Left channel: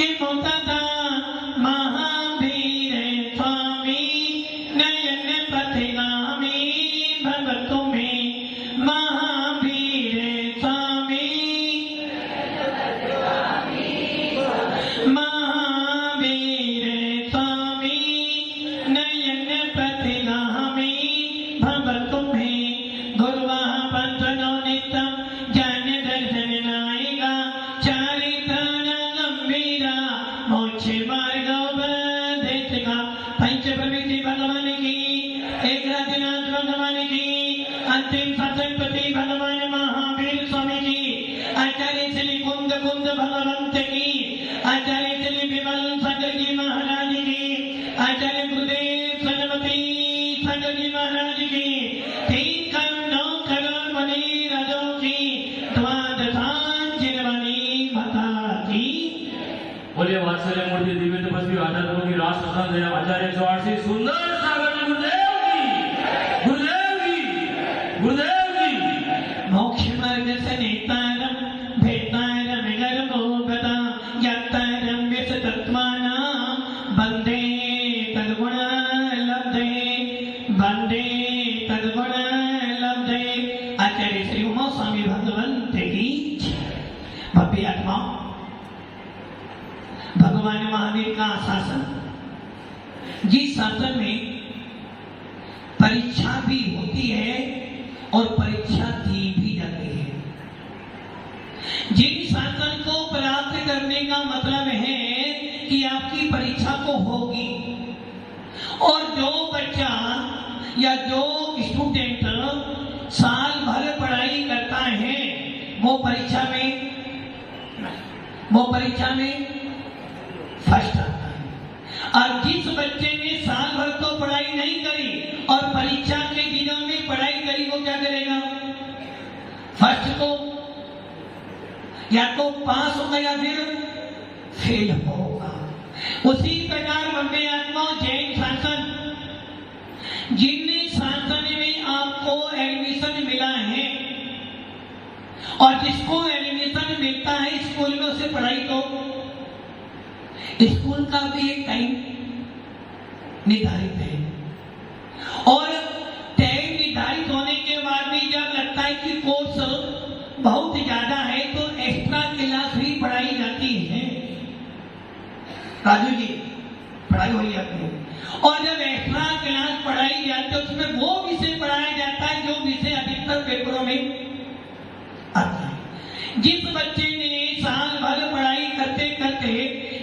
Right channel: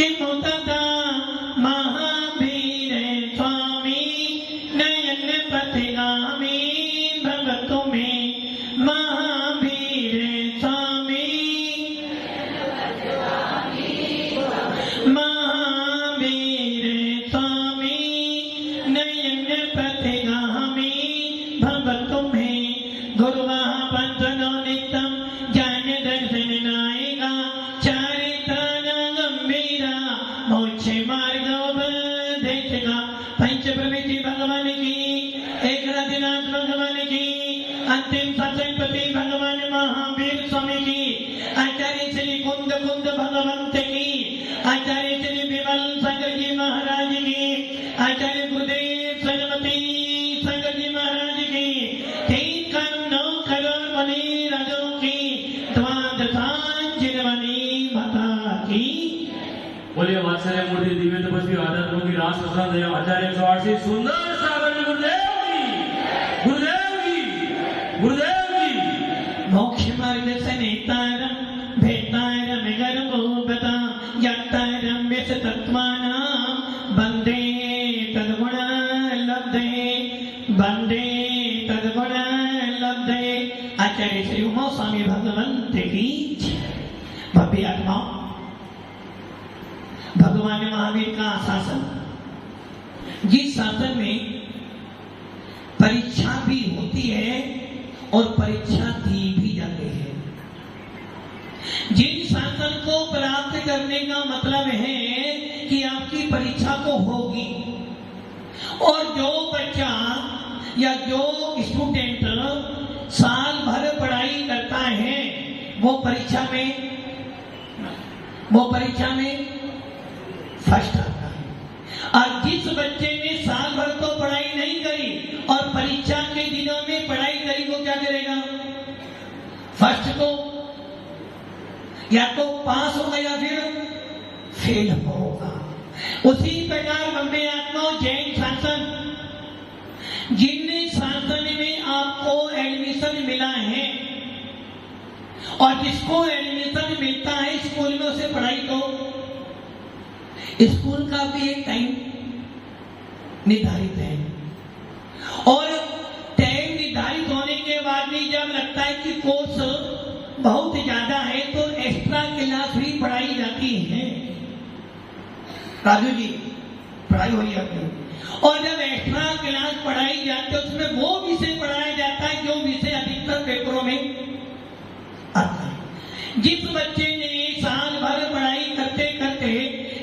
कि मुतदा महावीर स्वामी नयन पथिगामी भवतु में महावीर स्वामी महावीर स्वामी नयन पथिगामी भवतु में गुरुवा पंचनो नित्यम ज्ञान दर्शन नायिका चारित्र गंभीरा मोक्ष मार्ग उपदेशिका पंच प्रवृत्ति भगवान की एक राधिनाथ भगवान की अंतिम सत्संगपति भगवान महावीर स्वामी की आचार्य श्री कुंद कुंद भगवंत की आचार्य श्री विमल शंकर जी महाराज की आचार्य गुरुदेव सरस्वती शंकर जी महाराज की तीन कन्नौ करोड़ मणि राजों की द्वादशांजलि भक्ता की बोलिए वात्सल्य मूर्ति दिव्य तपस्वी आध्यात्म की राष्ट्र संत आचार्य स्वामी सुंदर सागर गुरुदेव की मोक्ष मार्ग से नेतारम भेतारम गर्भोपता यातारम विसतत्वानां वंदे तद्गुण लब्धे आचार्य श्री उमा स्वामी भगवंत की भव्य आत्मा भगवान महावीर का शासन, जिस शासन में परीक्षा भी होती है और परीक्षा दी भी जाती है। जिन शासन को प्राप्त करने का मतलब है कि आपकी परीक्षा को होगी, और जो बच्चा या जो स्टूडेंट साल भर पढ़ाई करता है वो परीक्षा में फर्स्ट आता है। और जिस बच्चे ने साल भर तो पढ़ाई नहीं करी और परीक्षा के दिनों में पढ़ाई करी, वो क्या करेगा? फर्स्ट को या तो पास होगा या फिर फेल होगा। उसी प्रकार वंदे आत्माओं जैन शासन, जिन शासन में आपको एडमिशन मिला है और जिसको एडमिशन मिलता है स्कूल में, उसे पढ़ाई तो स्कूल का भी एक टाइम निर्धारित है, और टाइम निर्धारित होने के बाद भी जब लगता है कि कोर्स बहुत ज्यादा है तो एक्स्ट्रा क्लास भी पढ़ाई जाती है। राजू जी पढ़ाई हुई अपनी, और जब एक्स्ट्रा क्लास पढ़ाई जाती है उसमें वो विषय पढ़ाया जाता है जो विषय अधिकतर पेपरों में आता है। जिस बच्चे ने साल भर पढ़ाई करते करते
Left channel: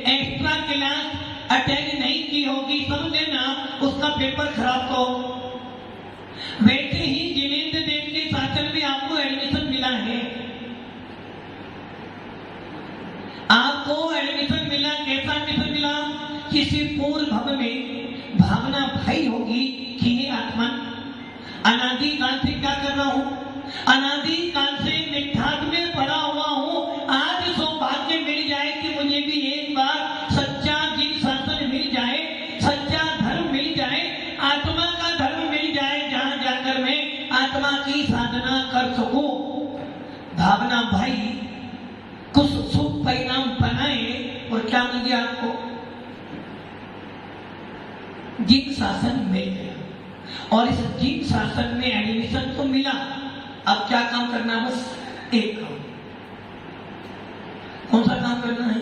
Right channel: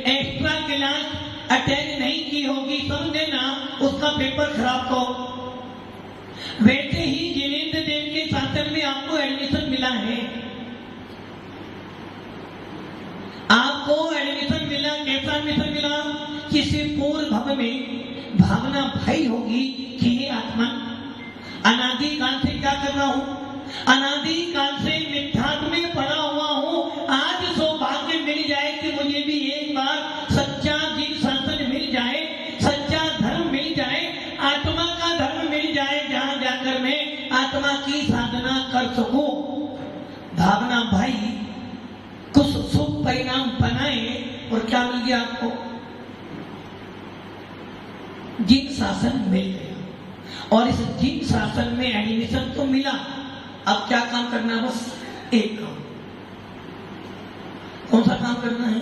एक्स्ट्रा क्लास अटेंड नहीं की होगी, समझे ना, उसका पेपर खराब तो। वैसे ही जिनेंद्र देव के शासन में आपको एडमिशन मिला है, आपको एडमिशन मिला, कैसा एडमिशन मिला? किसी पूर्ण भव में भावना भई होगी कि ये आत्मा अनादि काल से क्या कर रहा हूं, अनादि काल से निध्यात्म में पड़ा हुआ हूं, आज सौभाग्य मिल जाए कि मुझे भी एक बार सच्चा जिन शासन मिल जाए, सच्चा धर्म मिल जाए, आत्मा का धर्म मिल जाए, जहां जाकर मैं आत्मा की साधना कर सकूं। भावना भाई कुछ शुभ परिणाम बनाए और क्या मिल गया आपको? जिन शासन मिल गया, और इस जिन शासन में एडमिशन तो मिला। अब क्या काम करना है? बस एक काम। कौन सा काम करना है?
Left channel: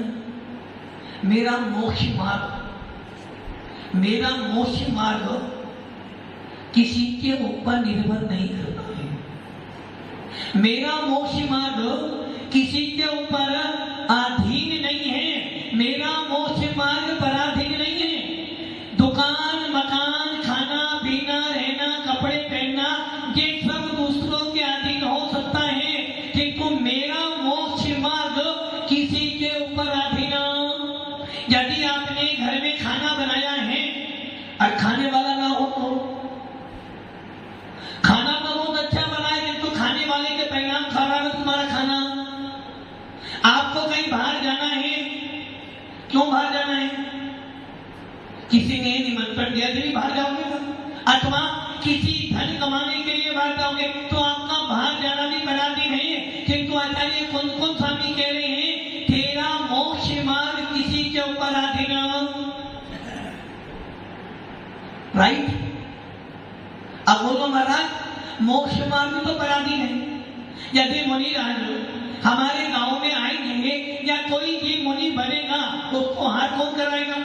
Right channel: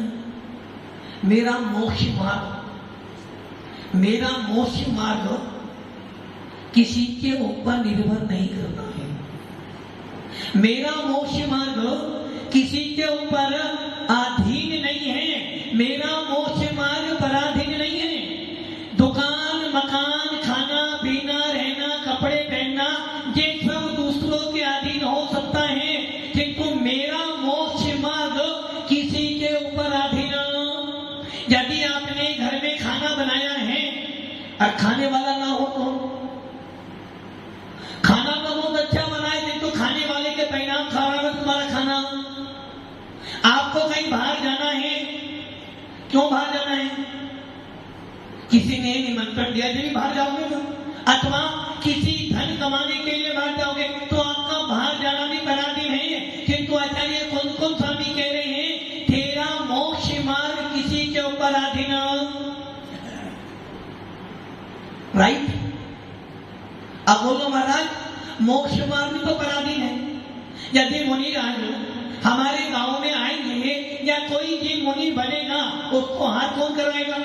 मेरा मोक्ष मार्ग किसी के ऊपर निर्भर नहीं करना है। मेरा मोक्ष मार्ग किसी के ऊपर अधीन नहीं है। मेरा मोक्ष मार्ग पराधीन नहीं है। दुकान, मकान, खाना पीना, रहना, कपड़े पहनना, ये सब दूसरों के अधीन हो सकता है, किंतु मेरा मोक्ष मार्ग किसी के ऊपर अधीन। यदि आपने घर में खाना बनाया है और खाने वाला ना हो तो खाना तो बहुत अच्छा बनाए, किंतु खाने वाले के परिणाम खराब है तुम्हारा खाना। आपको कहीं बाहर जाना है, क्यों बाहर जाना है? किसी ने निमंत्रण दिया, यदि बाहर जाओगे तो, अथवा किसी धन कमाने के लिए बाहर जाओगे तो आपका बाहर जाना भी पराधीन है। किंतु आचार्य कौन कौन स्वामी कह रहे हैं, तेरा मोक्ष मार्ग किसी मोक्ष मार्ग तो करा दी है। यदि मुनिराज हमारे गांव में आएंगे या कोई भी मुनि बनेगा उसको हाथ कौन करवाएगा?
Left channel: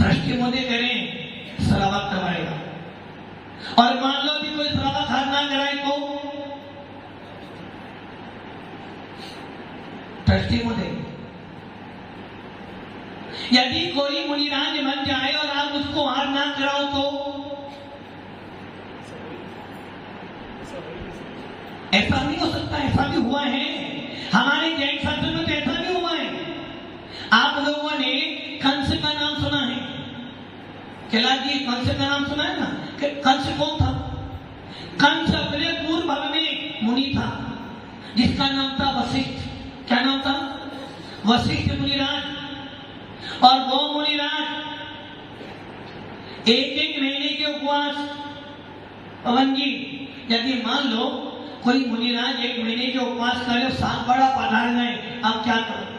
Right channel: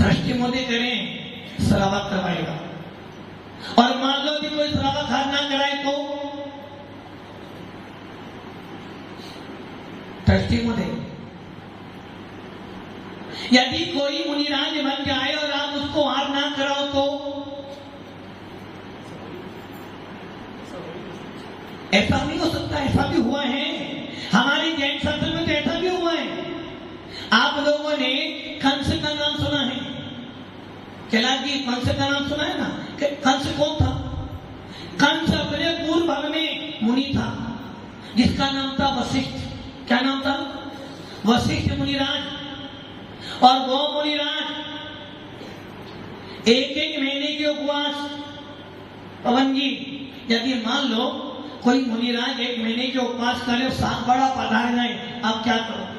दृष्टि मोदी करें श्रावक करवाएगा। और मान लो भी कोई श्रावक हाथ ना कराए तो दृष्टि मोदी। यदि कोई मुनिराज बन जाए और आप उसको हाथ ना कराओ तो ऐसा नहीं हो सकता। ऐसा भी हुआ है हमारे जैन शास्त्र में, तो ऐसा भी हुआ है। आप लोगों ने कंस का नाम सुना है? चला जी कंस का नाम सुना है ना? कंस कौन था? कंस अपने पूर्व भाग में मुनि था जिसका नाम था वशिष्ठ। क्या नाम था? वशिष्ठ मुनिराज। और वो मुनिराज एक एक महीने के उपवास। पवन जी, यदि मान लो कोई मुनिराज एक महीने के उपवास करे और साल बड़ा पधार जाए, आप क्या करोगे?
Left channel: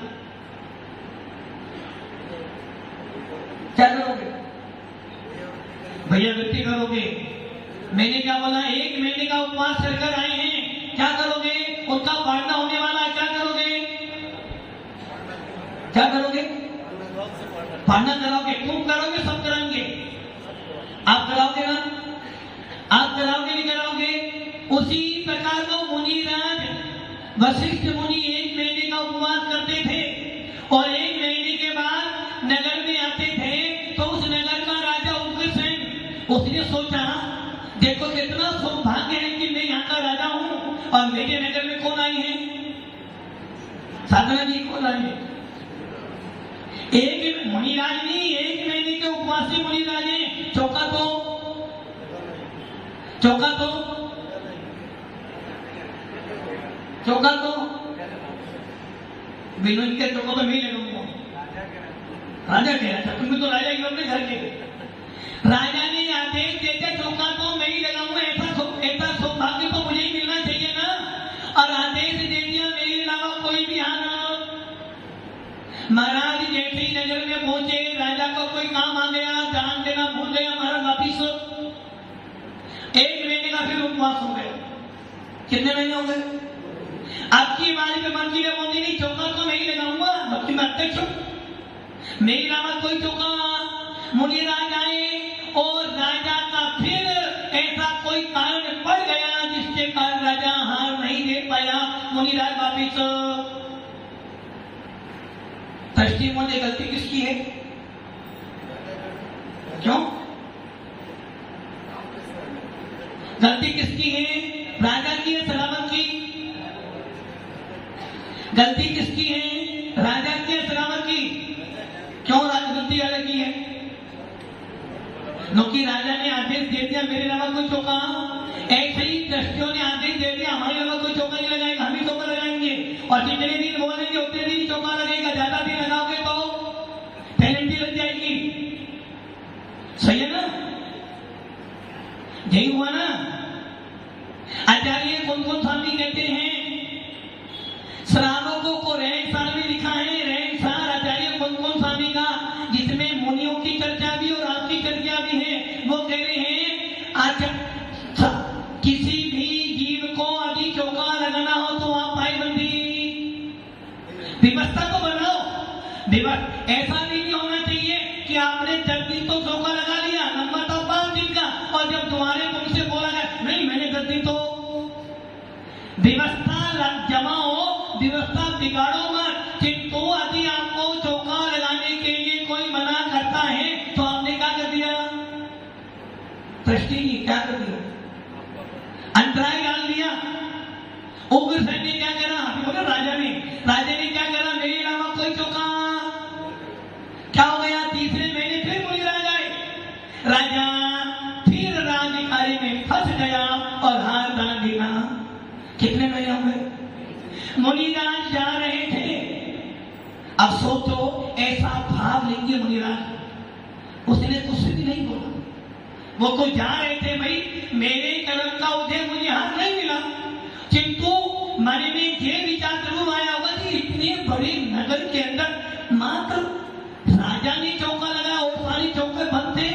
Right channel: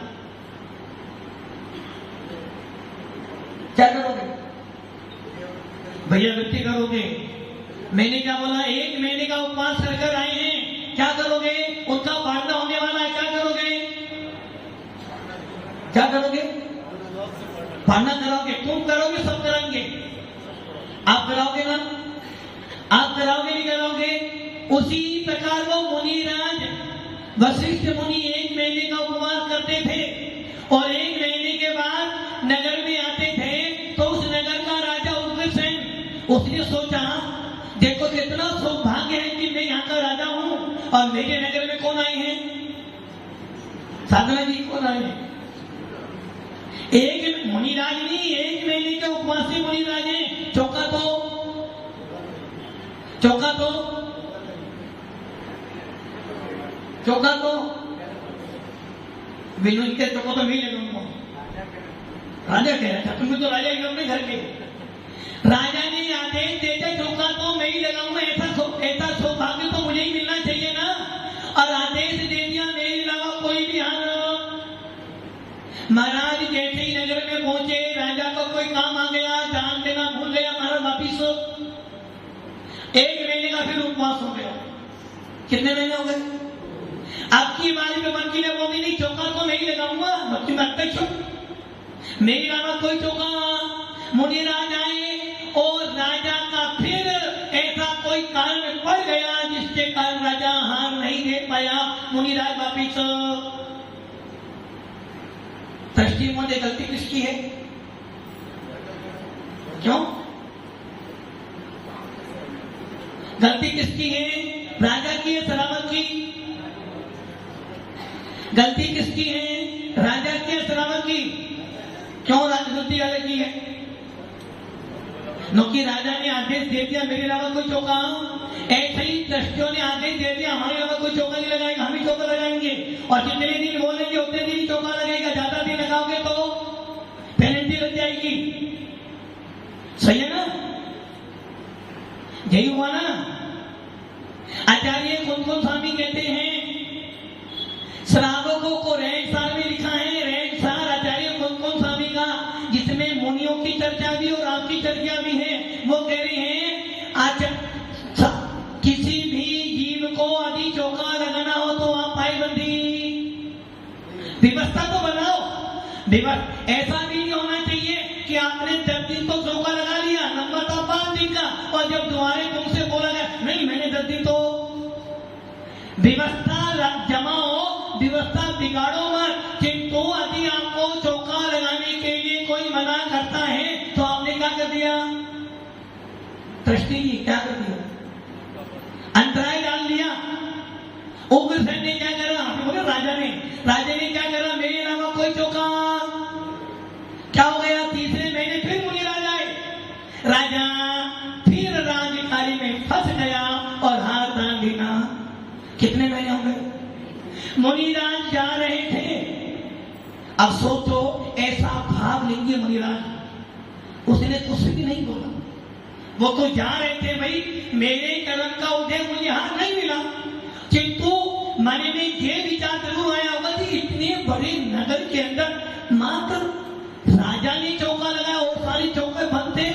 क्या करोगे भैया? वृत्ति करोगे? मैंने क्या बोला? एक महीने का उपवास कर आए हैं, क्या करोगे? उनका पालना होने वाला है, क्या करोगे? क्या करोगे? पालना करोगे। तुम करोगे, सब करेंगे। आप कराओगे ना? आप कराओगे नहीं कराओगे? उसी प्रकार वो मुनिराज वशिष्ठ मुनि एक महीने का उपवास करते थे और एक महीने के बाद नगर में आते थे। तो उस नगर का राजा उग्रसेन, उसने सोचा देखो कितना सौभाग्य है कि मैं यहाँ का राजा हूँ और मेरे नगर में कौन आए हैं? साधना जी कौन आए हैं? एक मुनिराज नहीं, एक महीने के उपवासी मुनिराज है। चौका तो बिनु इनके चौका तो मैं ही लगाऊंगा। राजा कह रहा था तुम्हें तो राजा ही अपने घर के। राजा ने आदेश देते चौका तो मैं ही लगाऊंगा। ऐसा सौभाग्य तो मुझे ही मिलना चाहिए ना। और आदेश दे दिया मेरे अलावा कोई भी हार। महाराज जैसे ही नगर में पहुंचे, राजा को कोई काम आ गया, दान देना भूल गया महाराज वापिस। एक महीने का फिर उपवास हो गया। कितने महीने हो गए? आपकी बारी में बाकी ने बोली नहीं चौका तो नहीं लगाऊंगा। बाकी मैं अध्यक्ष हूं, मेरे अलावा कोई चौका। मुनिराज आए और राजा का फिर ऐसा कोई कारण पड़ गया जिसके कारण राजा हार नहीं दे पाया। मुनिराज वापिस। दृष्टि में गलती किसकी है? क्यों गलती किसकी है? राजा की है श्रावक की? गलती किसकी है? राजा की है श्रावक की? क्यों गलती राजा की है? क्योंकि राजा ने आदेश दे दिया मेरे अलावा कोई चौका। ऐसे ही दृष्टियों ने आदेश दे दिया हमारे अलावा कोई चौका नहीं लगाएगा, हम ही चौका लगाएंगे। और जितने दिन बोलेंगे उतने दिन चौका लगेगा। ज्यादा दिन लगाओगे तो पेनल्टी लग जाएगी। सही है ना? यही हुआ ना? आचार्य कुंकुम स्वामी कहते हैं श्रावकों को रहनसार में लिखा है। रहनसार आचार्य कुंकुम स्वामी का, जिसमें मुनियों की चर्चा भी और आपकी चर्चा भी है। वो कह रहे हैं किसी भी जीव को यदि चौका लगाना हो तो आप पायबंदी व्यवस्था तो बनाओ। ऐसा भी नहीं होना चाहिए कि आपने 10 दिन तो चौका लगा लिया, नंबर था 5 दिन का, और जब तुम्हारे तुमसे बोला गया नहीं मैंने 10 दिन तो। व्यवस्था जमाओ, व्यवस्था बिगाड़ो मत। किंतु यदि आपको चौका लगाने के लिए कोई मना करता है तो आपने क्या कर दिया? दृष्टि जी क्या कर दिया? अंतराय डाल दिया। उग्रसेन ने क्या करा? राजा ने क्या करा? मेरे अलावा कोई चौका। क्या हो गया? तीसरे महीने फिर मुनिराज आए। राजा फिर राजकार्य में फंस गया और हार डाल दिया। कितने महीने हो गए? मुनिराज जा रहे थे। अब सोचो ऐसा भाव लेंगे मुनिराज। उसने कुछ भी नहीं बोला। वो तो जा रहे थे भाई मेरे कर्म का उदय मुझे हार नहीं मिला। किंतु मन में ये विचार जरूर आया होगा कि इतने बड़े नगर के अंदर मात्र राजा ने चौका लगाया और सारे चौके बंद थे।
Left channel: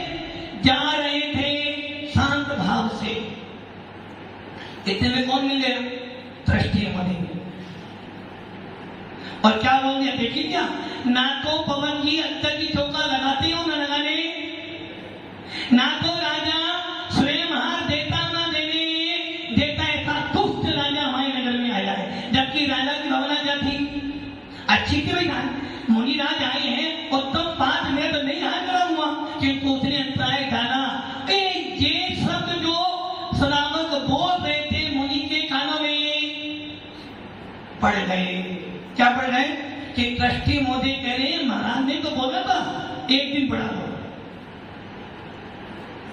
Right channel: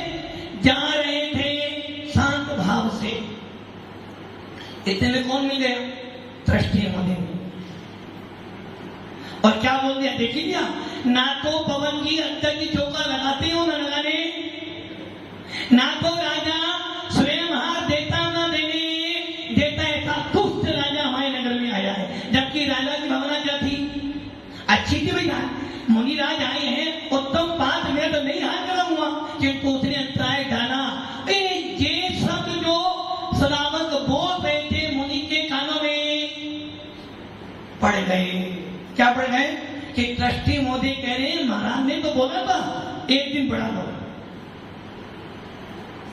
जा रहे थे इतने में कौन मिल गया? दृष्टि मुनि। और क्या बोल दिया देखिए क्या, ना तो पवन जी अंतर की चौका लगाते हो ना लगाने, ना तो राजा स्वयं हार देता ना देने देता, ऐसा दुष्ट राजा हमारे नगर में आया है। जबकि राजा की भावना क्या थी? अच्छी थी भैया, मुनिराज आए हैं उत्तम बात में तो नहीं हाथ लगा हुआ, किंतु उसने अंतराय डाला। ये सब जो श्रावक बोल रहे थे मुनि के कानों में पड़ गए। क्या पड़ गए? कि दृष्टि मोदी कह रहे हैं महाराज ने तो बोला था एक दिन पढ़ा हो।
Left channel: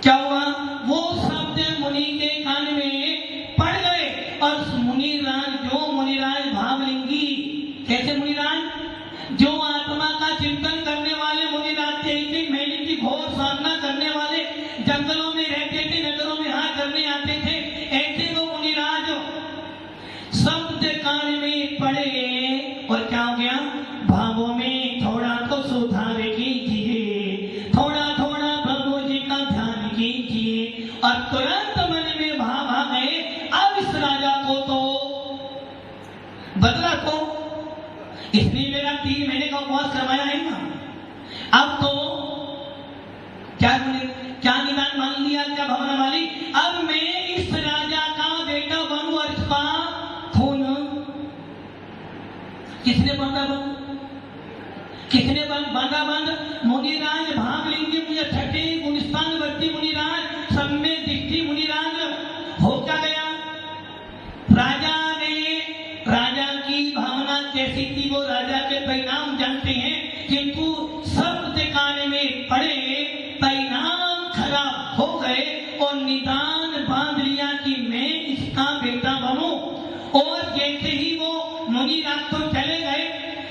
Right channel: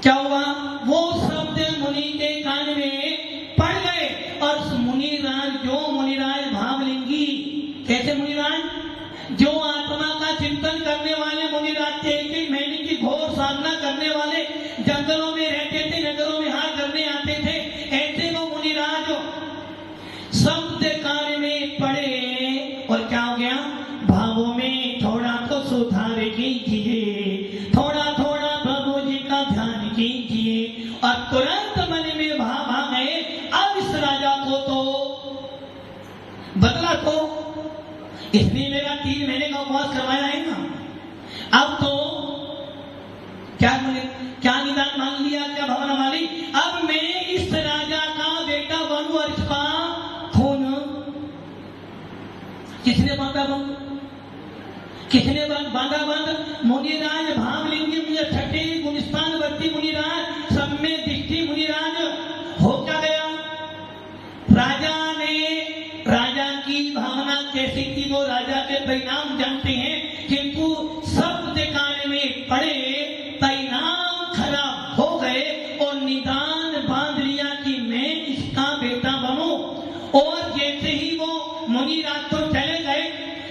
क्या हुआ? वो शब्द मुनि के कान में पड़ गए और मुनिराज भावलिंगी, कैसे मुनिराज? जो आत्मा का चिंतन करने वाले मुनिराज थे, एक महीने की घोर साधना करने वाले, जंगलों में रहते थे, नगरों में हाथ करने आते थे, ऐसे वो मुनिराज शब्द कान में पड़े और क्या हो गया? भावों में थोड़ा तो सुधार कीजिए, थोड़ा थोड़ा प्रभु जी का ध्यान कीजिए। और तुरंत मन में भाव आ गए, अब इस राजा को तो बदला को, इसने मेरा 3 महीने का उपवास करवाया है ना, अब तो क्या निदान मान लिया, क्या भावना मानी? अब मैं इस राजा का बेटा बनूं और इसका खून किसने बांधा बंद? किसने बांधा बंद? मुनिराज भावलिंगी मुझे छठे गुलिस्तान वर्ती मुनिराज, सब में दिखती मुनिराज हो क्या गया? राजा की भावना कैसी थी वो राजा के परिणाम जानते हैं, किंतु शब्द कान में पड़े, परिणाम खराब हो गए और निदान बांध लिया कि मैं इसका बेटा बनूं। और जैसे ही वो मुनिराज तो चले गए,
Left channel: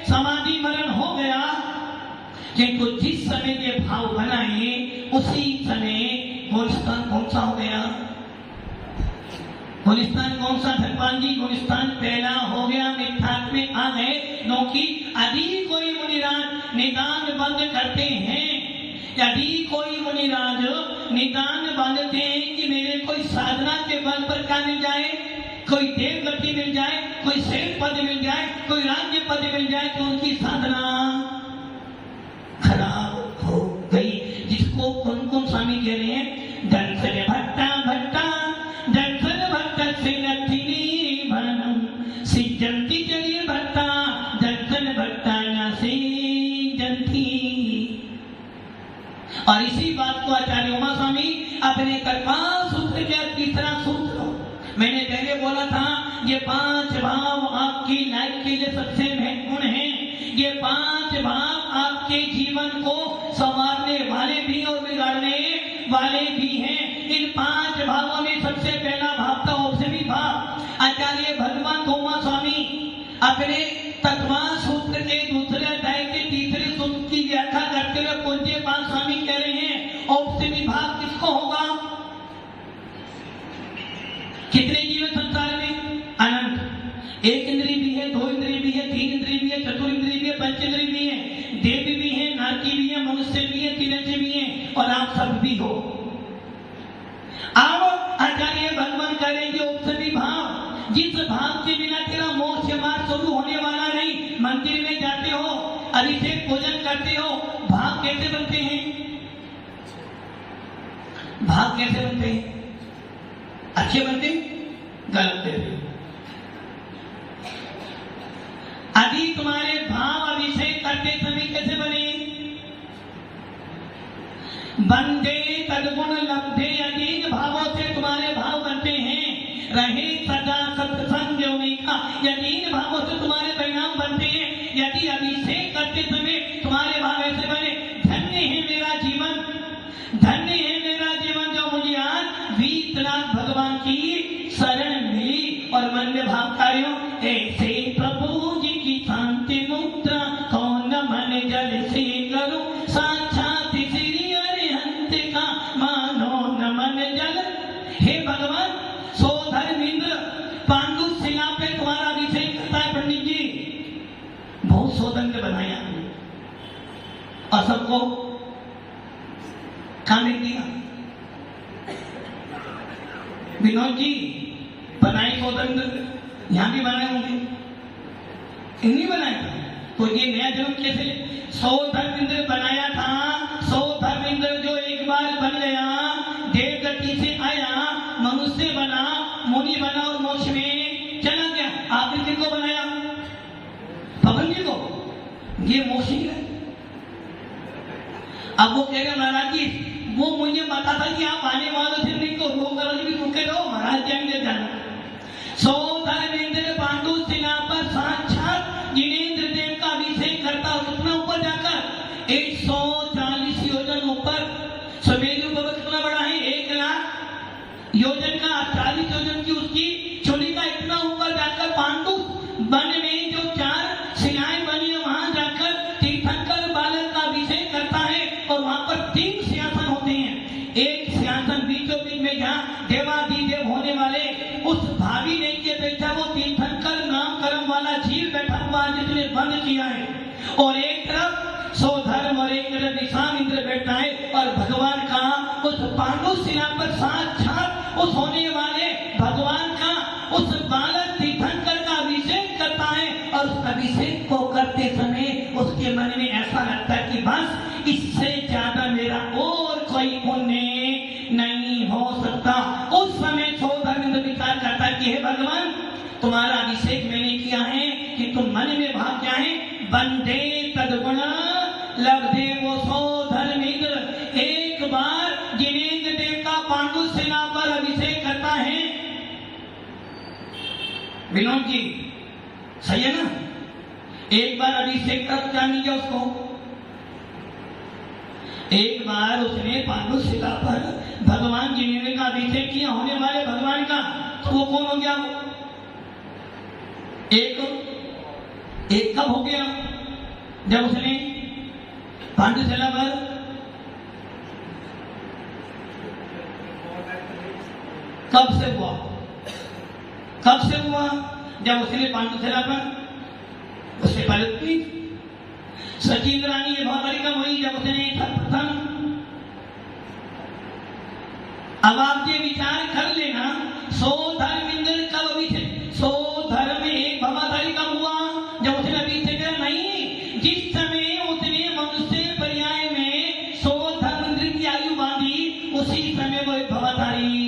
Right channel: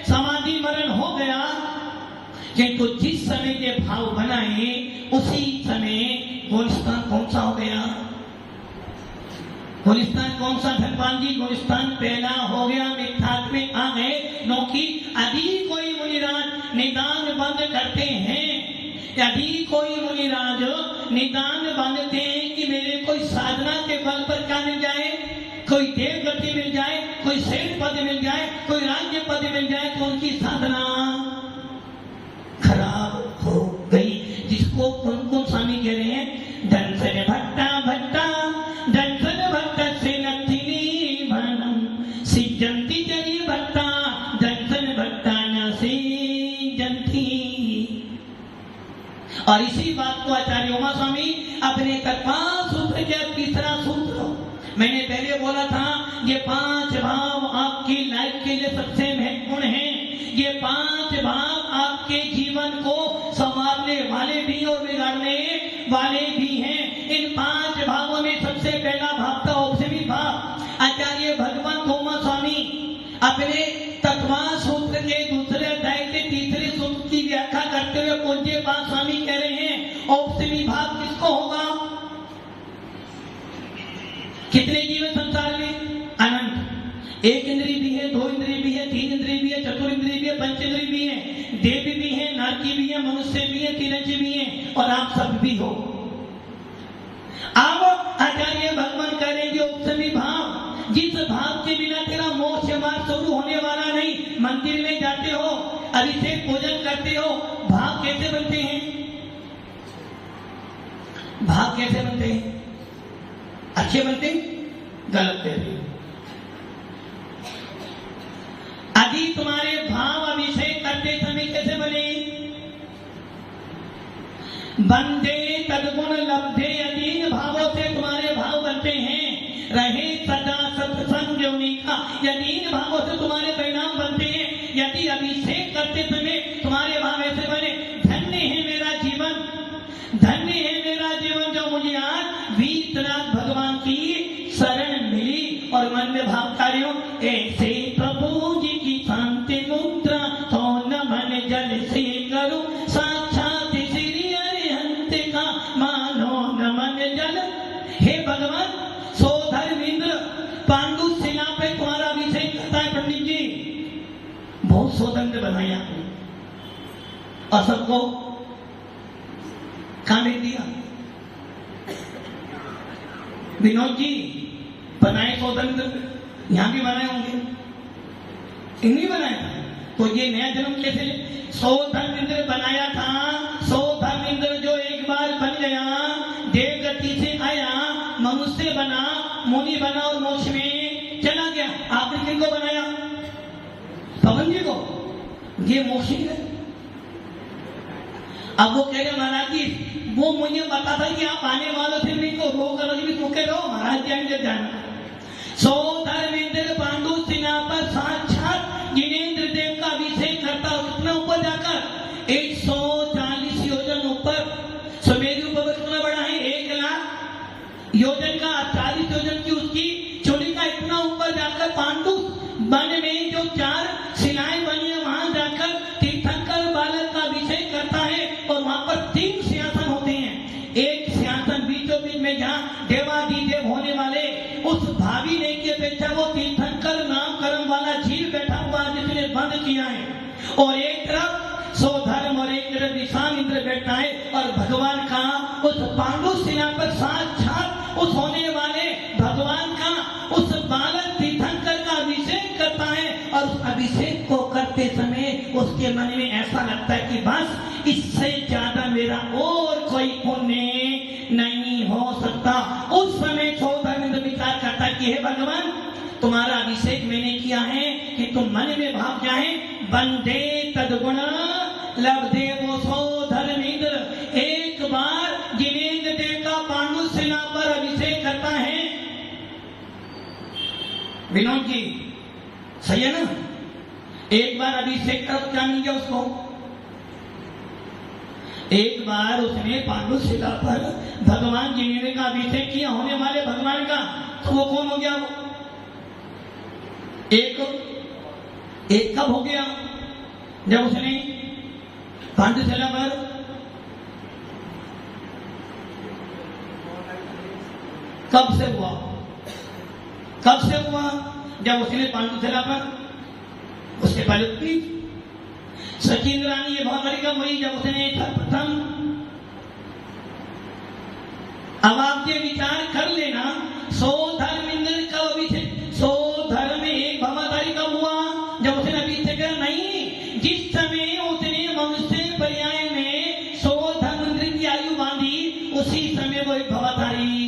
समाधि मरण हो गया, किंतु जिस समय के भाव बनाए उसी समय गुलिस्तान कौन सा हो गया? गुलिस्तान कौन सा भगवान जी? गुलिस्तान पहला हो गया, मिथ्यात्व में आ गए, क्योंकि यदि कोई मुनिराज निदान बंद करते हैं, यदि कोई मुनिराज निदान बांधते हैं कि मेरे कोई साधना के बल पर क्या मिल जाए, कोई देव गति मिल जाए, कोई शैल पद मिल जाए, कोई राज्य पद मिल जाए, तो उनकी साधना खराब हो गई। जिसको कुमकुम स्वामी कह रहे हैं, दंसन भट्टा भट्टा दंसन भट्ट से नथिनी भनम सिजंती जरी भट्टा दंसन भट्टा न सिजंती। और इसी बात को आचार्य उमा स्वामी अपने कृपाल सूत्र के 3रा सूत्र, मैंने पहले बोला था ये 5 भाव आपकी लाइफ के लिए सबसे महत्वपूर्ण हैं। ये 5 भाव आपके जीवन को संवारने वाले भी और बिगाड़ने वाले भी हैं। इन 5 भावों में सबसे पहला भाव था औषधि भाव। आचार्य भगवान उमा स्वामी अपने तत्वार सूत्र के 2 अध्याय के 3रे सूत्र की व्याख्या करते हुए पूज्य बात स्वामी कह रहे हैं, औषधि भाव किसको होगा? कितने जीव है संसार में? अनंत। 1 इंद्रिय भी है, 2 इंद्रिय भी है, 3 इंद्रिय भी है, 4 इंद्रिय भी है, 5 इंद्रिय भी है, देव भी है, नारकी भी है, मनुष्य भी है, तिरंजी भी है, और आप सब भी हो। अब आचार्य भगवान कह रहे हैं औषधि भाव, जिस भाव के बिना तेरा मोक्ष मार्ग शुरू होने वाला नहीं। मंदिर में जाते हो, अभिषेक पूजन करते हो, भाव कैसे बनते हैं? भाव कैसे बनते हैं? अच्छे बनते, गलत बनते। यदि तुम्हारे भाव अभिषेक करते समय कैसे बने? बंदे तदगुण लब्धे, अधीन भावों से तुम्हारे भाव बनते हैं। रहे सदा सत्संग योनि का, यदीन भावों से तुम्हारे परिणाम बनते हैं। यदि अभिषेक करते समय तुम्हारे भाव ऐसे बने, धन्य है मेरा जीवन, धन्य है मेरा जीवन जो मुझे आज वीतराग भगवान की शरण मिली, और मन में भाव कार्यों ऐसे प्रभु जी की शांति मुद्रा तो न मन जल से करो, साक्षात श्री अरिहंत का मानो न मन जल। हे भगवान, सोधर इंद्र पांडु शिला पे तुम्हारा अभिषेक करता है पंडित जी, बहुत सौगंध बनाया और सबको खाने दिया। विनोद जी बना नहीं बनाया था। तो ये नया जन्म कैसे ले? सो धर्मेंद्र बनाया था। सो धर्मेंद्र जो एक बार बन गया, देवगति से आया, मनुष्य बना, मुनि बना और मोक्ष में चला गया। आपने किनको बनाया? पवन जी को। ये मोक्ष गया। अब वो कह रहे महाराज जी, वो मुझे बता था कि आप आने वालों से नहीं को रो करो जी, रुके रहो, महाराज जाएंगे जाना। सो धर्मेंद्र पांडु सेना पर साक्षात जिनेंद्र देव का अभिषेक करता, कितना ऊपर जाकर 140 योजन ऊपर। सुमेरु पर्वत कितना बड़ा है? 1 लाख योजन का, 40 योजन की उसकी चोली का, इतना ऊपर जाकर पांडु वन में जो 4 शिलाएं बनी है, वहां जाकर तीर्थंकर बालक का अभिषेक करता है। और वहां पर 3 सिंहासन होते हैं। एक सिंहासन बीचों बीच में, जहाँ देवाधिदेव होने वाले उस भावी ने की अपेक्षा वो तीर्थंकर नाम कर्म वाला जीव बैठा हुआ, जिसने बंद किया है। और एक तरफ सौधर्म और एक तरफ विश्वामित्र बैठा है। और भगवान का उस पांडु सेना पर साक्षात उस होने वाले भगवान का उस बालक तीर्थंकर का अभिषेक करता है। और उस अभिषेक को करते समय उसके मन में ऐसा लगता है कि बस इससे ज्यादा मेरा और कोई पुण्य नहीं हो सकता। उस समय सौधर्मेंद्र विचार करता है कि हे भगवान, तुम्हारा अभिषेक मैंने किया है कि तुम मन में भाव क्या है? बंदे तदगुण लब्धे वो सौधर्मेंद्र। एक बार जिनेंद्र देव का पांडु सेना पर अभिषेक करता है। विनोद जी सही है ना? एक बार अभिषेक कर, क्या मिल गया उसको? एक बार उसने पांडु सेना पर भगवान जिनेंद्र का अभिषेक किया, होने वाले भगवान का। तो वो कौन हो गया? एक कब हो गया? जब उसने पांडु सेना पर कब से हुआ? कब से हुआ? जब उसने पांडु सेना पर, उससे पहले की सचिंद्र रानी ये भवानी का वही, जब उसने प्रथम। अब आप ये विचार कर लेना, सो धर्मेंद्र का अभिषेक, सो धर्म एक भवाधारी का हुआ जब उसने अभिषेक नहीं। जिस समय उसने मनुष्य पर्याय में सो धर्मेंद्र की आयु बांधी, उसी समय वो भवाधारी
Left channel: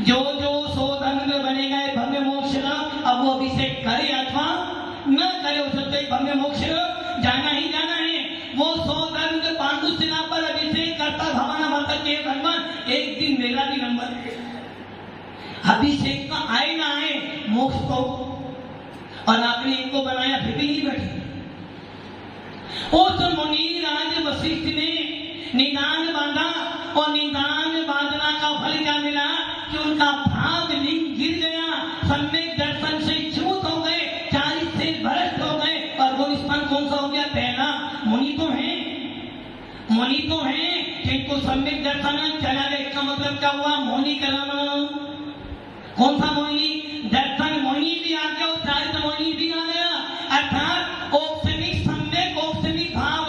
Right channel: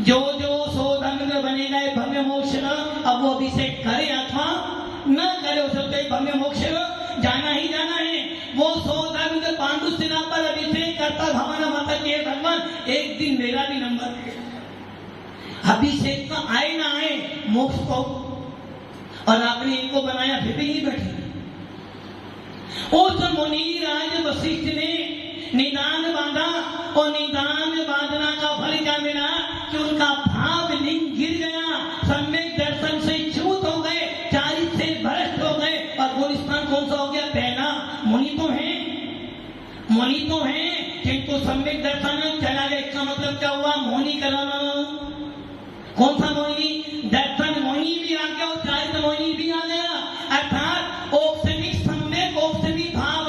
जो सो धर्मेंद्र बनेगा भव्य मोक्ष। अब वो अभिषेक करे अथवा न करे, उससे भव्य मोक्ष जाना ही जाना है। वो सो धर्मेंद्र पांडु सेना पर अभिषेक करता, भावना माता के भगवान एक दिन मेरा भी नंबर। अभिषेक तो आए ना आए, मोक्ष तो। और आपने इनको बनाया फिर भी नहीं बैठे। उस मुनि राज वशिष्ठ ने निदान बांधा, और निदान बांधना का फल क्या मिला? कि उनका भाव लिंग गिर गया, सम्यक दर्शन से च्युत हो गए, चारित्र से भ्रष्ट हो गए। और वो स्थान कौन सा हो गया? पहला मुनि तो है, मुनि तो है, किंतु सम्यक दर्शन चला गया। इसका मतलब क्या हुआ? मोहिनी कलम। कौन सा मोहिनी? दर्शन मोहिनी भी आ गया और चारित्र मोहिनी भी आ गया। अर्थात औपसमिक सम्यक औपसमिक भाव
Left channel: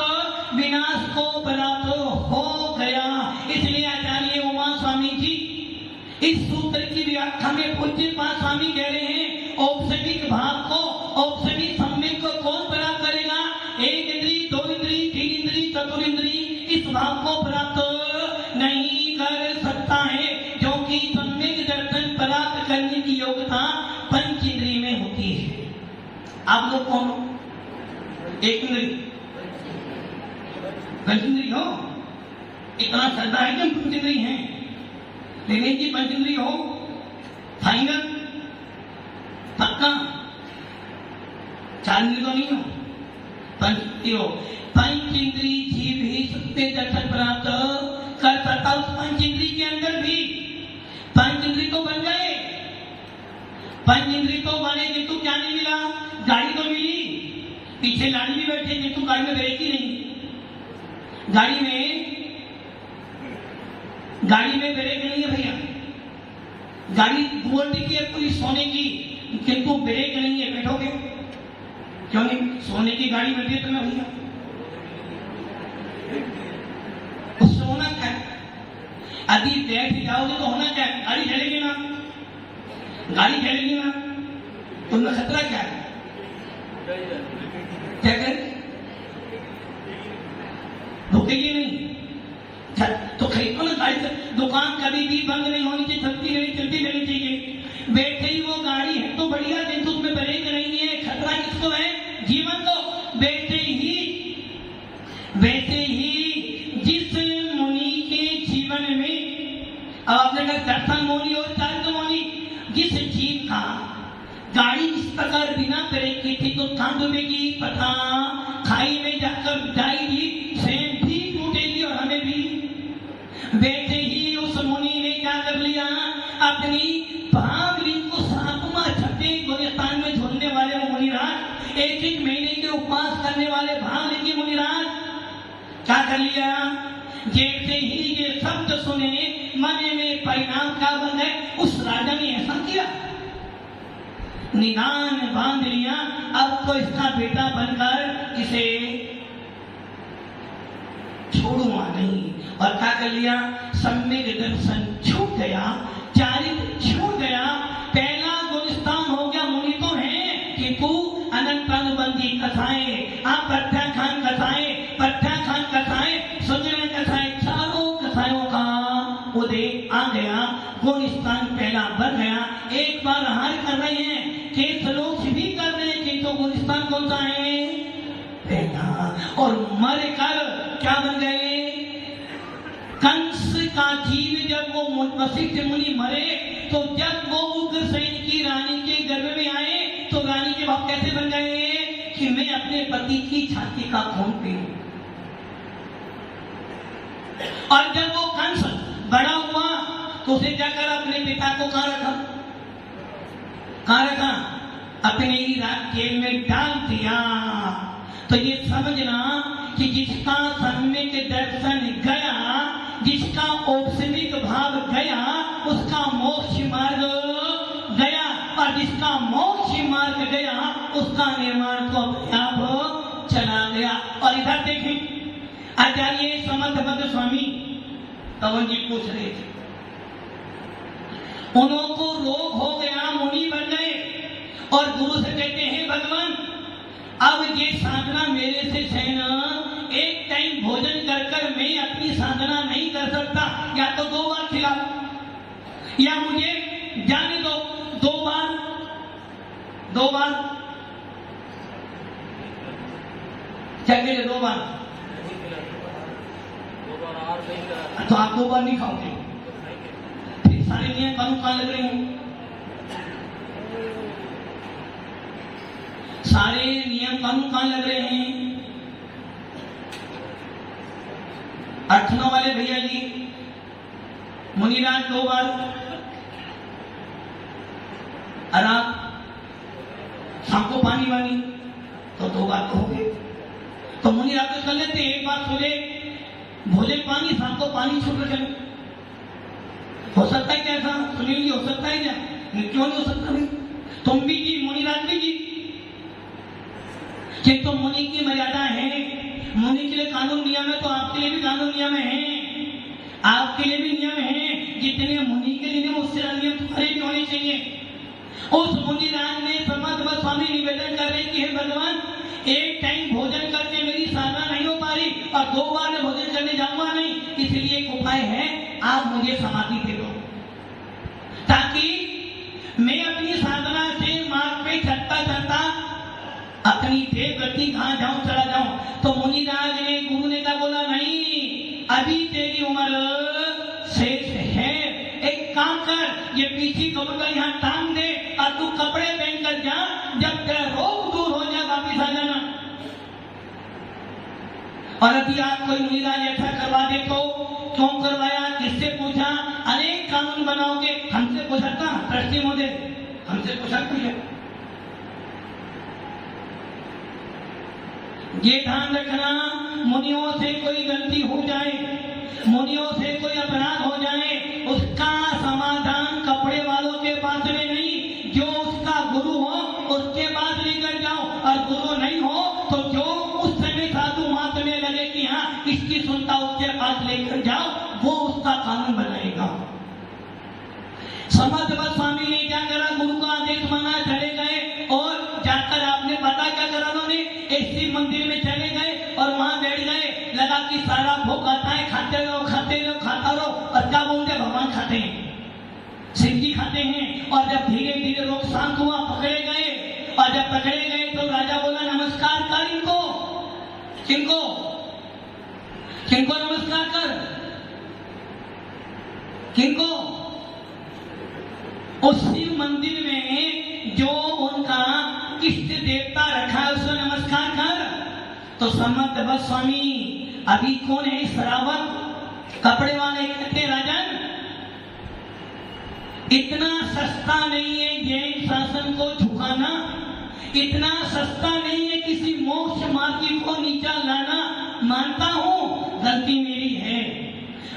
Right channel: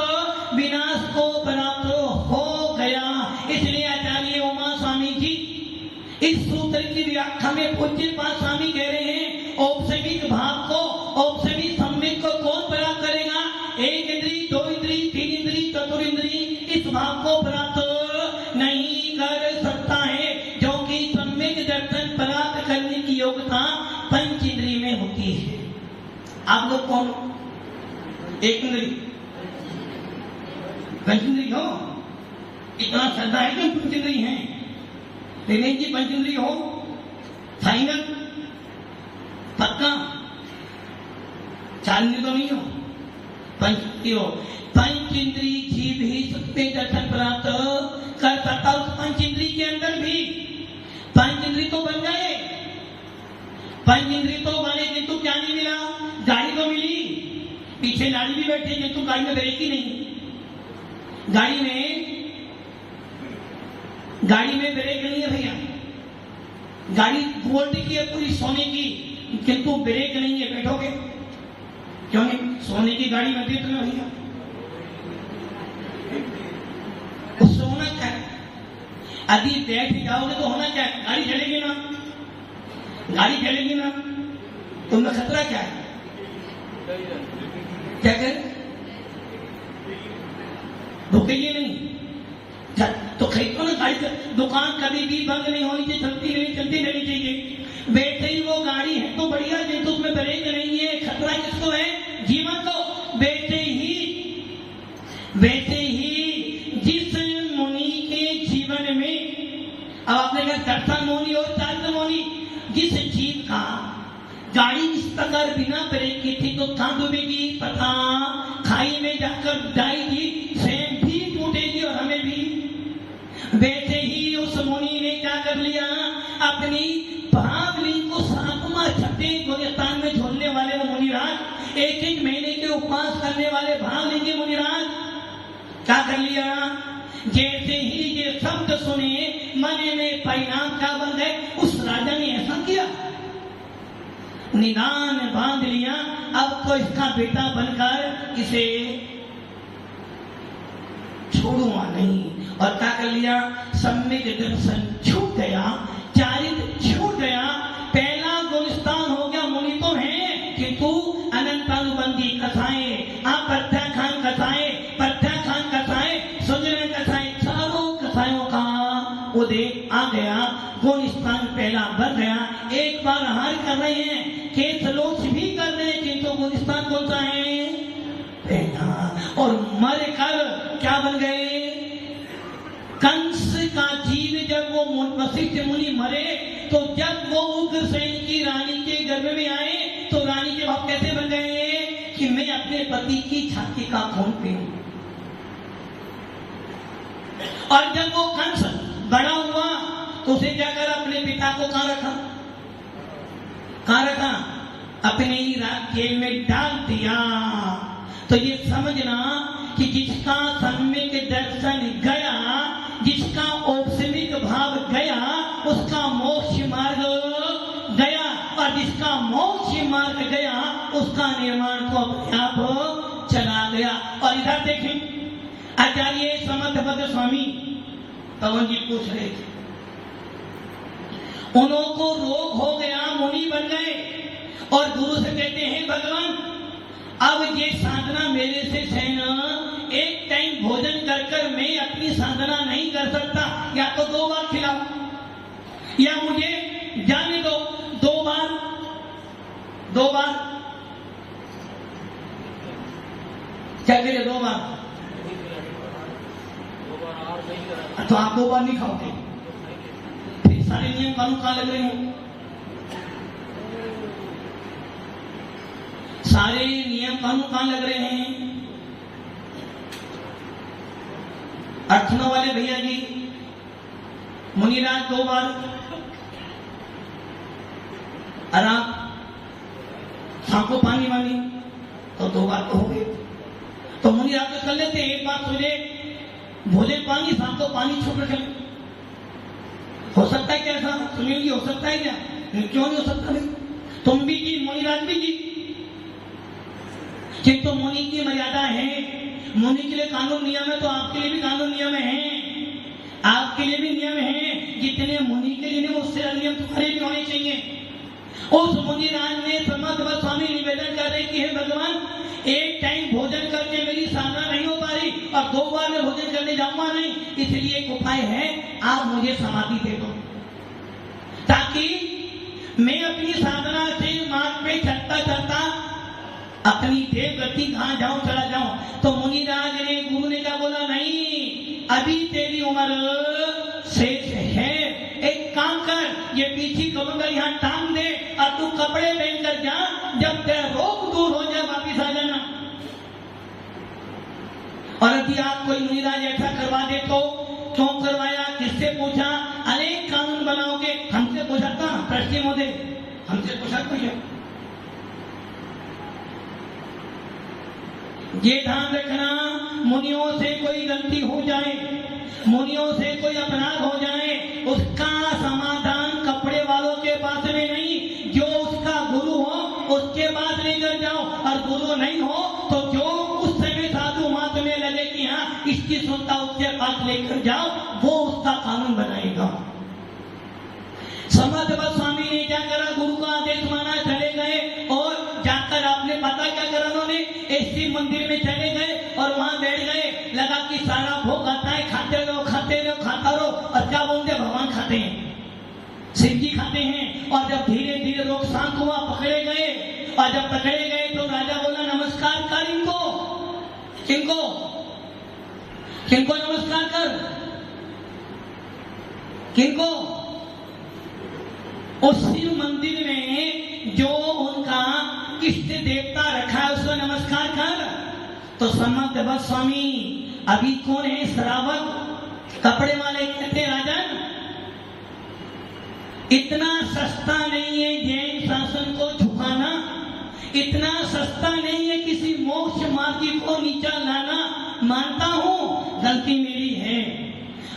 विनाश को प्राप्त हो गया। इसलिए आचार्य उमा स्वामी जी इस सूत्र की व्याख्या में पूज्यपाद स्वामी कह रहे हैं, औपसमिक भाव को, औपसमिक सम्यक को कौन प्राप्त करेगा? 1 इंद्री, 2 इंद्री, 3 इंद्री, 4 इंद्री इस भाव को प्राप्त नहीं कर सकता है, क्योंकि सम्यक दर्शन प्राप्त करने की योग्यता पंच इंद्री में होती है। आप लोग कौन? 1 इंद्री, पंच इंद्री हो? इतना श्रद्धा है कि पंच इंद्री है। विवेक जी पंच इंद्री हो? फाइनल पक्का? 4 इंद्री तो नहीं हो? पंच इंद्री हो। पंच इंद्री जीव ही सत्य दर्शन प्राप्त कर सकता। उस पंच इंद्री के अंदर भी पंच इंद्री तो बन गए, पंच इंद्री तो बने, किंतु क्या नहीं मिला? गाड़ी तो मिली, पीछे नारी भी बैठे, किंतु गाड़ी में ब्रेक ही नहीं। गाड़ी में ब्रेक नहीं है भैया। गाड़ी गोल्ड की है, पूरी सोने की, किंतु ब्रेक नहीं है। बैठोगे क्यों नहीं? सोने की गाड़ी में ब्रेक ना भैया। तो सोना क्या? अभी बैठ जाओगे तो होना क्या? गाड़ी चलेगी ना, गाड़ी चलेगी ना, तुमने खतरा क्या है? क्या करें? रुकेंगे नहीं तो खरीदो ना गाड़ी। दुकान कभी भी बंद नहीं होनी चाहिए, चलती रहनी चाहिए। बैठे ही वो गाड़ी है तो बढ़िया, जिनको उसमें ब्रेक नहीं है, खतरा किसको है? जीवन को। बैठे ही जिस मुनि के जीवन में, अब आपने कहा दर्शन मुनि और चारित्र मुनि, जिस जीव का गाड़ी इस प्रकार बिना ब्रेक की थी तो कहां डूबेगी? पता खाई में जाकर जाएगी, स्वयं भी टूटेगी और हमें भी। बैठे ही उस मुनि ने क्या कर लिया? अपनी भावली को 7वां छठे गुलिस्तान में झोलने वाले वो मुनिराज, 1 महीने के उपवास करने वाले भावली के मुनिराज क्या कर लिया? जैसे ही ये शब्द सुने मन में परिणाम क्या बन गए? उस राजा ने ऐसा किया, निदान बांध लिया, अब तो इसका बेटा बनकर इसे छोड़ूंगा नहीं। और क्या कर लिया? सम्यक दर्शन छूट गया, चारित्र छूट गया, पहला गुलिस्तान हो गया। मुनि तो है किंतु अनंत अनुबंधी कथाएं, प्रत्याख्यान कथाएं, सुजन कथाएं, चारों कथाओं का उदय आ गया। गुलिस्तान पहला बन गया। एक बार हार कर रहे हैं, केस लोग भी कर रहे हैं, किंतु गुलिस्तान कौन सा है? पहला। और मर कर क्या बन गए? कंस का जीव जब वो वशिष्ठ मुनि मरे तो जब वो उग्रसेन की रानी के गर्भ में आए तो रानी के बाप कैसे बन गए कि मैं अपने पति की छाती का खून पीऊं। और जब वो कंस बड़ा हुआ तो उसे जाकर अपने पिता को कहां रखा? अपने ही जेल में डाल दिया। तो ये समझना कि जिसका सम्यक दर्शन गया, जिसका औपसमिक भाव गया, उसका मोक्ष मार्ग गया, और जिसका मोक्ष मार्ग गया उसका निर्माण तो अपने आप चला गया। और इधर देखें, आचार्य समर्थपद स्वामी पवन जी पूछ रहे थे, उन्हों को रोग हो गया, मुनि बन गए और गुरु से कहते हैं भगवान अब ये साधना मेरे से सहना, एक टाइम भोजन कर मैं अपनी साधना नहीं कर सकता, या तो 2 बार खिलाओ या मुझे जाने दो। 2 बार क्या करिए? 2 बार तो आप 2 बार नहीं खाओगे, फिर सारे नियम कानून कहां लग रहे हो? सारे नियम कानून कहां लग रहे हैं? अर्थना वाले भैया जी, मुनिराज 2 बार, और आप सांको पानी वाली तो 2 बार तो हो गए। तो मुनिराज तो कर लेते हैं, 1 बार सुबह भोजन पानी, सांको पानी छूट रखे। हो सकता है क्या ऐसा? सुनील जी, हो सकता है क्या? क्यों नहीं हो सकता भाई? तुम भी जी, मुनिराज भी जी, कि तो मुनि की मर्यादा है, मुनि के लिए कानून नियम है, तो आपके लिए भी कानून नियम है, आपके लिए भी नियम है। जितने मुनि के लिए उससे नियम तुम्हारे भी होने चाहिए। उस मुनिराज ने समर्थ स्वामी निवेदन कर रहे कि हे भगवान, एक टाइम भोजन करके मेरी साधना नहीं हो पा रही और 2 बार मैं भोजन करने जाऊंगा नहीं, इसलिए एक उपाय है, आप मुझे समाधि दे दो ताकि मैं अपनी साधना से मार्ग पे चलता अपनी देव गति कहां जाऊं, चला जाऊं। तो मुनिराज ने, गुरु ने क्या बोला? नहीं, अभी तेरी उम्र शेष है, एक काम कर, ये पीछे कमर यहाँ टांग दे और तू कपड़े पहनकर जा, जब तेरा रोग दूर हो जाए वापिस आ जाना। और अभी आप कोई मुनिराज ऐसा करवा दे तो क्यों करवाया, किससे पूछा? अनेक कानून बनाओगे, हमसे पूछा था प्रश्न मोदे, हमसे पूछा कोई? ये ध्यान रखना, मुनियों से कोई गलती हो जाए, मुनियों से कोई अपराध हो जाए, उसका समाधान कपड़े वालों के पास में नहीं, जो उसका गुरु हो उसके पास लेकर जाओ, और गुरु नहीं हो तो जो उस समय साधु मात में लगे कि हाँ इसकी सुनता, उसके पास लेकर जाओ, वो उसका कानून बनाएगा। समर्थ स्वामी ने क्या करा? गुरु का आदेश माना, चले गए और जाकर आपने पता क्या करा? शिव मंदिर में चले गए और वहां बैठ गए, लगा कि सारा भोग आता है, खाते रहो खाता रहो। और क्या बोलते भगवान खाते हैं, शिव जी खाते हैं। और जब धीरे धीरे लोग शांत हुआ, पकड़े गए, और जब पकड़े गए तो राजा बोला नमस्कार कर इनको। किनको किनको नमस्कार कर, किनको? उस शिव मंदिर में जो उनका इष्ट देवता रखा है उसको नमस्कार कर। तो समर्थ बस स्वामी अभी कौन है? श्रावक कपड़े वाले कहते राजन, इतना सस्ता नहीं है जैन शासन को झुकाना, इतना सस्ता नहीं है किसी मोक्ष मार्गी को नीचा लाना। मानता हूं गलती मेरी है,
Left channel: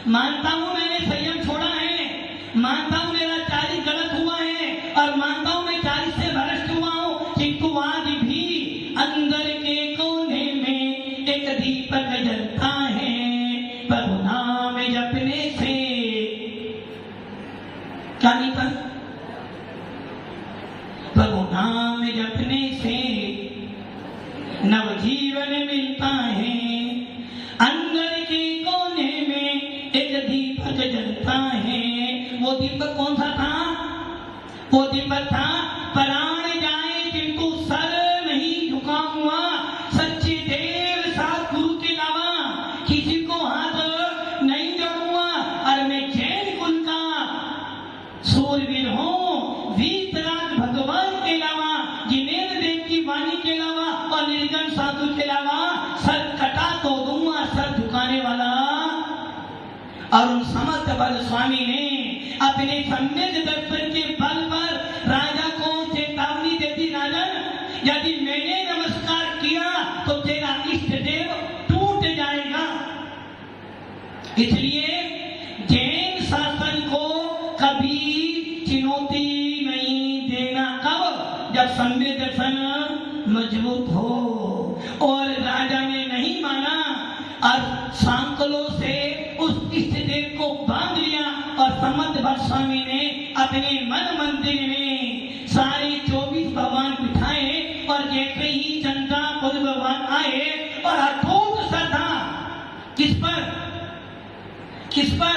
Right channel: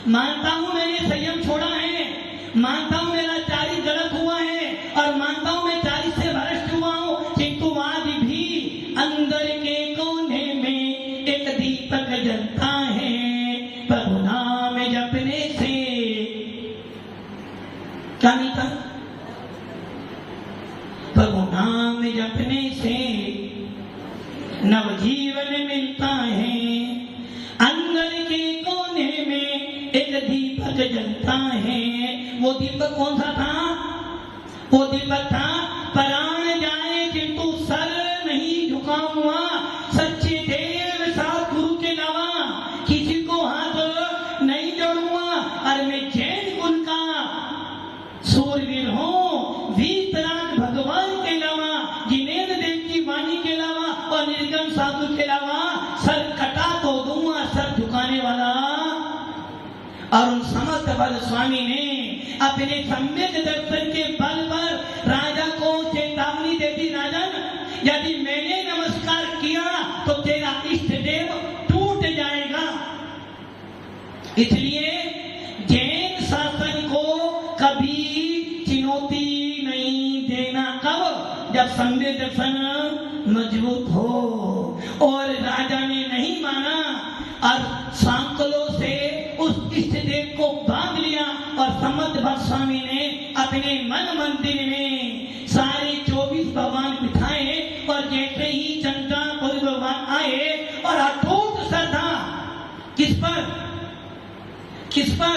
मानता हूं मैंने संयम छोड़ा है, मानता हूं मेरा चारी गलत हुआ है, और मानता हूं मैं चारी से भ्रष्ट हुआ हूं, किंतु आज भी अंदर के कोने में एक दीपक जलता है प्रभु नाम जपने से। क्या मिलता? प्रभु नाम जपने से नवजीवन मिलता है। अंदर के कोने में एक दीपक जलता है। वो दीपक कौन सा था? वो दीपक था प्राण जाए किंतु सर नहीं झुकाऊंगा, सच्चे देव सतगुरु के अलावा किसी को हाथ नहीं जोड़ूंगा। और मैं जैन कुल का सूरवीर हूँ, वीतराग भगवान के अलावा, जिनेन्द्र देव की वाणी के अलावा और निर्जन साधु के अलावा सर कटा तो दूंगा, सर झुकाने वाला। और उन समर्थ बल स्वामी ने अपने सम्यक दर्शन के बल पर राजा को चेतावनी दे दी, राजन यदि मैंने नमस्कार किया तो तेरा इष्ट देव टूट जाएगा। इसलिए जैन शासन को कभी चुनौती नहीं देना। कब? जब सम्यक दर्शन मजबूत हो। और राजा ने नहीं माना और सांकलों से उस इष्ट देव को बांध लिया। और समर्थ भक्त स्वामी ने अपने मन मंदिर में सारे 24 भगवान बिठाए, और जैसे ही चंद्रापुर भगवान आए और अटूट श्रद्धा किस पर? किस पर?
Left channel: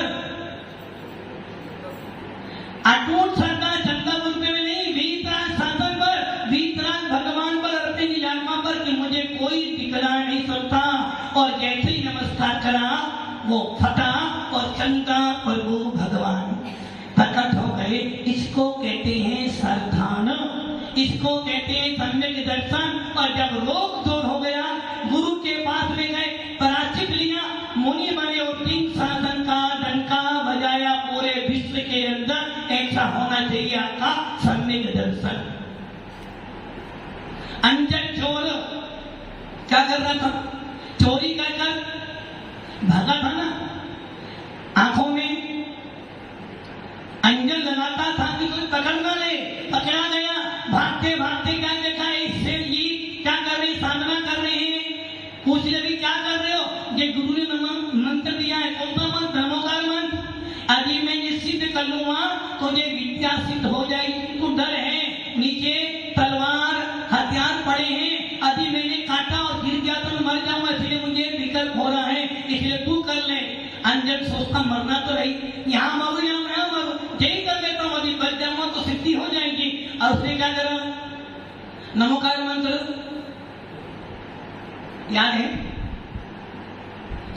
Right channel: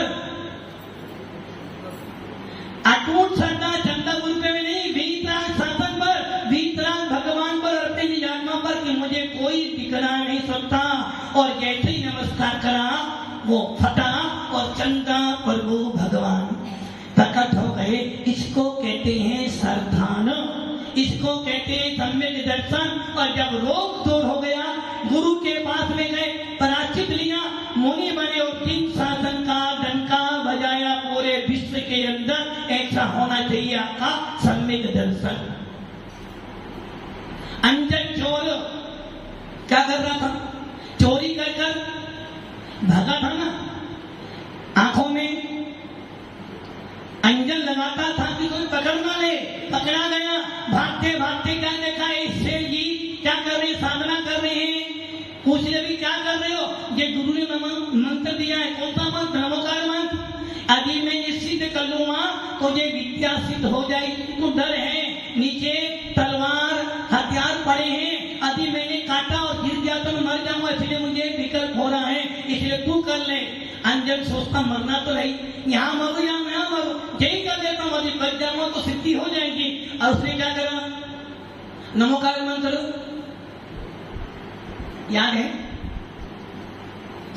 अटूट श्रद्धा चंद्रापुर में नहीं, वीतराग शासन पर, वीतराग भगवान पर, अर्पित आत्मा पर कि मुझे कोई दिखला नहीं सकता। और जैसे ही नमस्कार करा वो फटा और चंद्रा प्रभु भगवान प्रकट हो गए। इसको कहते हैं श्रद्धान, इसको कहते हैं सम्यक दर्शन। और जब रोग दूर हो गया, गुरु के पास में गए, पराचित लिया, मुनि बने और 3 शासन का डंका बजाया पूरे विश्व के अंदर। ऐसा होना चाहिए आपका सम्यक दर्शन। अंजन चोर क्या कर रहा था? चोरी कर भागा था ना, आंखों में अंजन लगाता था कि कोई पकड़ ना ले। पकड़ा गया, भागते भागते क्या देखा? शेर जी क्या कर रहे? साधना कर रहे हैं। पूछ भी क्या कर रहे हो? ये गुरु ने मंत्र दिया है। कौन सा मंत्र? धर्मोकार मंत्र। अभी मैं ये सिद्ध कर लूंगा तो ये विद्या सिद्ध हो जाएगी। तू डर है, नीचे तलवार हथियार पड़े हैं, अभी मैंने काटा और गिर गया तो मर जाऊंगा, इसलिए मुझे विकल्प हो रहा है, इसलिए तू कर ले। अंजन सोचता मरना तो नहीं, यहाँ मरो यहाँ मैं मरो, यही कर लेता हूँ, अभी बच जाऊंगा तो सिद्धि हो जाएगी। और उसने क्या करा? नमोकार मंत्र याद है?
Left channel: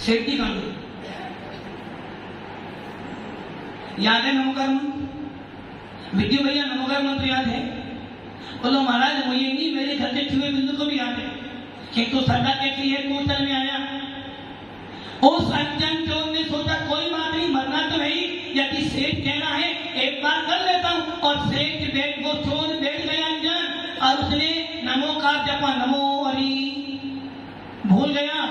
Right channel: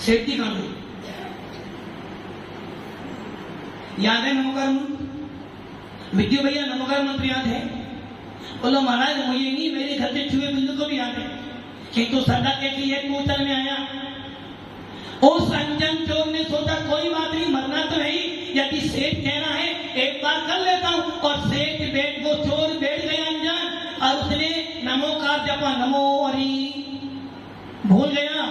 सेफ्टी कर लो, याद है नमोकार मंत्र? विद्यु भैया नमोकार मंत्र याद है? बोलो महाराज मुझे नहीं, मेरे घर से छुए बिंदु को भी याद है। किंतु श्रद्धा कैसी है? कूचल में आया। उस अंजन चोर ने सोचा कोई बात नहीं, मरना तो नहीं, यदि सेठ कह रहा है एक बार कर लेता हूं। और सेठ बैठ वो चोर बैठ गया अंजन, और उसने नमोकार जपा, नमो हरि, भूल गया।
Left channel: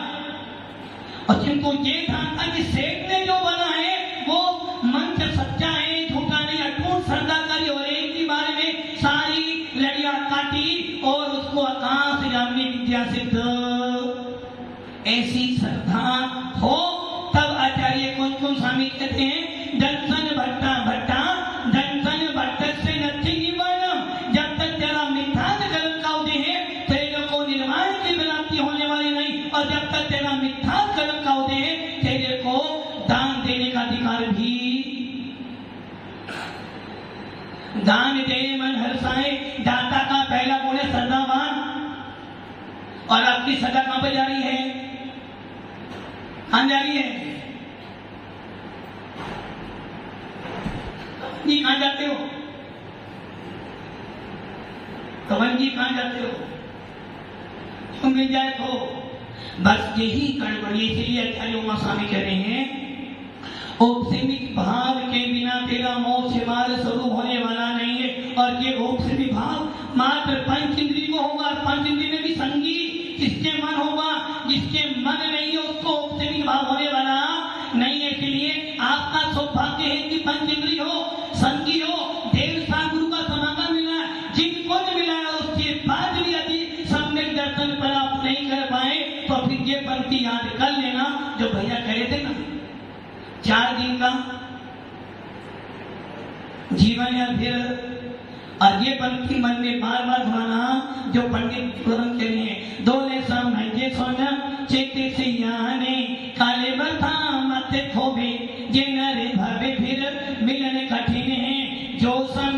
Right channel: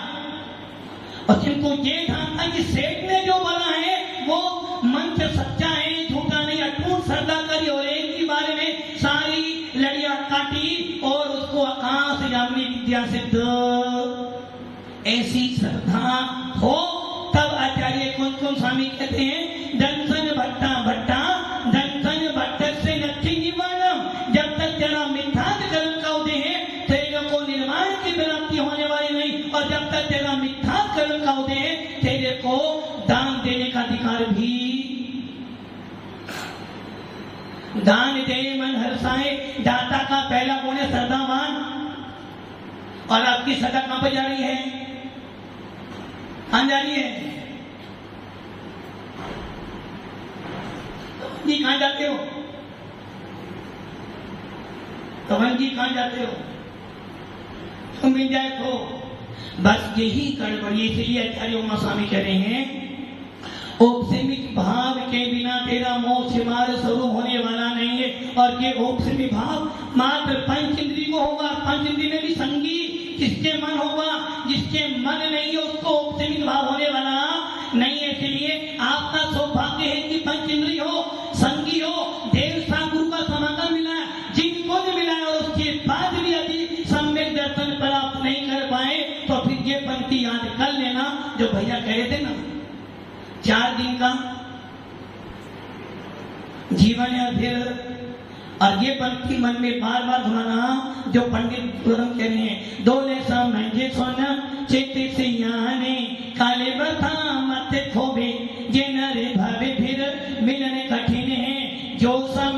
और किंतु ये था कि सेठ ने जो बोला है वो मंत्र सच्चा है, झूठा नहीं। अटूट श्रद्धा करी और एक के बारे में सारी लड़ियां काटी और उसको आकाश यामी विद्या सिद्ध। ऐसी श्रद्धा हो तब आचार्य कौन स्वामी कहते हैं? दंसन भट्टा भट्टा दंसन भट्ट से नथी निवारण। जब तक तेरा मिथ्यात्व कर्म का उदय है, तेरे को निर्माण की प्राप्ति होना और जब तक तेरा मिथ्या कर्म का उदय, तेरे को दान देने का अधिकार भी। दान दे मन हर्षाए, दाता का पहला गुण है श्रद्धावान। और आपकी सदा कहां पे जा रही है? कहां जा रही है? जी कहां जाते हो? तवन जी कहां जाते हो? तुम मिल जाए तो बस यही गड़बड़ी। इसलिए आचार्य उमा स्वामी कह रहे हैं, औपसीमित भाव के बिना तेरा मोक्ष मार्ग स्वरूप होने वाला नहीं है। और ये औपसीमित भाव मात्र पंच इंद्री को होगा। पंच इंद्री में भी संगी जिसके मन होगा, जिसके मन नहीं है उसको औपसीमित भाव होने वाला नहीं है। इसलिए आपका सौभाग्य है कि पंच इंद्री हो, संगी हो, देव गुरु का समागम मिला, जिनको भी मिला और उसके बाद भी यदि सम्यक दर्शन प्राप्त नहीं कर पाए तो फिर ये पंक्ति याद कर लेना जो भैया कहे थे ना, 4 दिन का जीवन है। फिर और ये पंक्ति मन में बार बार घुमाना जो पंडित कह रहे हैं, दोले समझे सोना चेते से याने काले बथा मत खोबे, जे नरे भावे फिर मिलने कठिन है, जो सम